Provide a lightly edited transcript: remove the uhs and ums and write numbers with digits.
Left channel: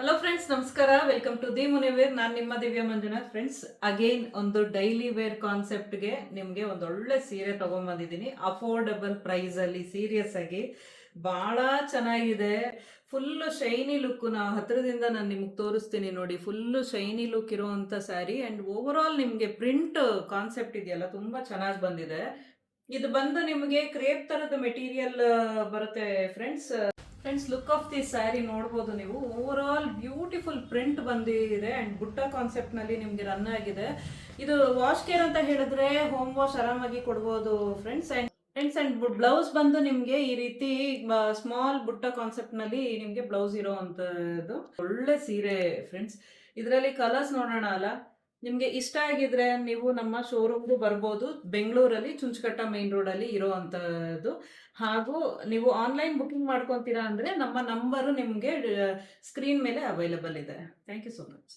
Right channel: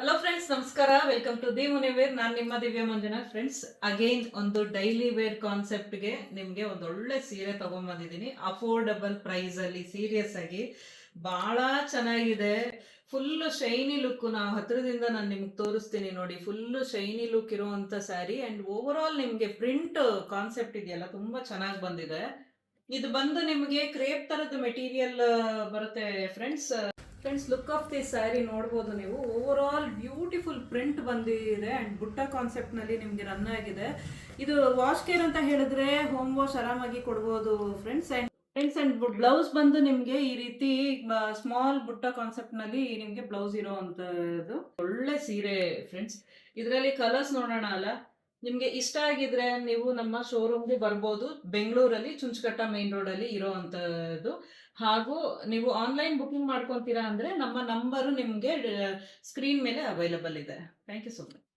Hello friends, ನಮಸ್ಕಾರ. Welcome to the ಮುನಿವೇರ್. ನಾನು ನಿಮ್ಮ ದಿವ್ಯ ಮಂಜುನಾಥ್. ಫ್ರೆಂಡ್ಸ್, ಅಗೈನ್ ಒಂದು ಡೈಲಿ ವೇರ್ ಕಾನ್ಸೆಪ್ಟ್ಗೆ ನಿಮಗೆ ಒಂದು ಒಳ್ಳೆ ಸೀರೆ ತಗೊಂಡ್ಬಂದಿದ್ದೀನಿ. ಅಫೋರ್ಡಬಲ್ ಪ್ರೈಸಲ್ಲಿ, ಸೀರಿಯಸ್ ಆಗಿ ಭಾಳ ಚೆನ್ನಾಗಿದೆ. Full shiny look. ಹತ್ರದಿಂದ ನಾನು ನಿಮ್ಗೆ ತೋರಿಸ್ತೀನಿ ನೋಡಿ. ಫುಲ್ಲು ಶೈನಿ ಲುಕ್ ಇರುವಂಥ ಸ್ಯಾರಿ ಆ್ಯಂಡ್ ಓವರ್ ಆಲ್ ನಿಮಗೆ ಪ್ರಿಂಟ್ ಕಾನ್ಸೆಪ್ಟ್ ಇದೆಯಲ್ಲ, ತುಂಬ ಚೆನ್ನಾಗಿ ಬಂದಿದೆ. ಇದು ಬಂದು ನಿಮಗೆ ಕ್ರೇಪ್ ಥರದ ಮೆಟೀರಿಯಲ್ ಬರುತ್ತೆ friends. Look of the sari ನೋಡ್ಬೋದು ನೀವು. ಓವರ್ ಆಲ್ ಬ್ಯೂಟಿಫುಲ್ ಪ್ರಿಂಟ್ ಬಂದಿದೆ ಆ್ಯಂಡ್ ಬುಟ್ಟ ಕಾನ್ಸೆಪ್ಟ್ನಲ್ಲಿ ನಿಮಗೆ ರನ್ ಆಗಿದೆ. ಇದು ವಾಶ್ ಕೇರ್ ಅಂತ ಹೇಳಿದ್ರೆ ಹೋಮ್ ವಾಶ್ ಆರಾಮಾಗಿ ಕೊಡ್ಬೋದು ಫ್ರೆಂಡ್ಸ್. ಆ್ಯಂಡ್ ಬ್ಲೌಸ್ ಬಂದು ನಿಮಗೆ ಈ ರೀತಿ ಸ್ಮಾಲ್ ಬುಟ್ಟ ಕಾನ್ಸೆಪ್ಟ್ನಲ್ಲಿ ನಿಮಗೆ ಬ್ಲೌಸ್ ಇರೋ ಅಂಥದ್ದು ಒಳ್ಳೆ ಸೀರೆ ಫ್ರೆಂಡ್ಸ್. ಇದರಲ್ಲಿ ಕಲರ್ಸ್ ನೋಡೋಣ ಅಲ್ಲ. ನಿಮಗೆ ಇಷ್ಟ ಆಗಿದ್ರೆ ನೀವು ನಮ್ಮ ಶೋರೂಮ್ಗೆ ಬರ್ಬೋದು. ಬೆಂಗಳೂರಲ್ಲಿ ಚುಂಚಕಟ್ಟ ಮೈನ್ ರೋಡಲ್ಲಿ ಇರೋ ಅಂಥದ್ದು. ಹಾಗೂ ನೀವು ಆನ್ಲೈನ್ ಬುಕಿಂಗ್ ಮಾಡ್ಕೊತೀರಾ ಅಂದರೆ ನಮ್ಮ ನಂಬರು ನಿಮಗೆ ಸ್ಕ್ರೀನ್ ಮೇಲೆ ಅವೈಲಬಲ್ ಇದೆ. Thank you so much.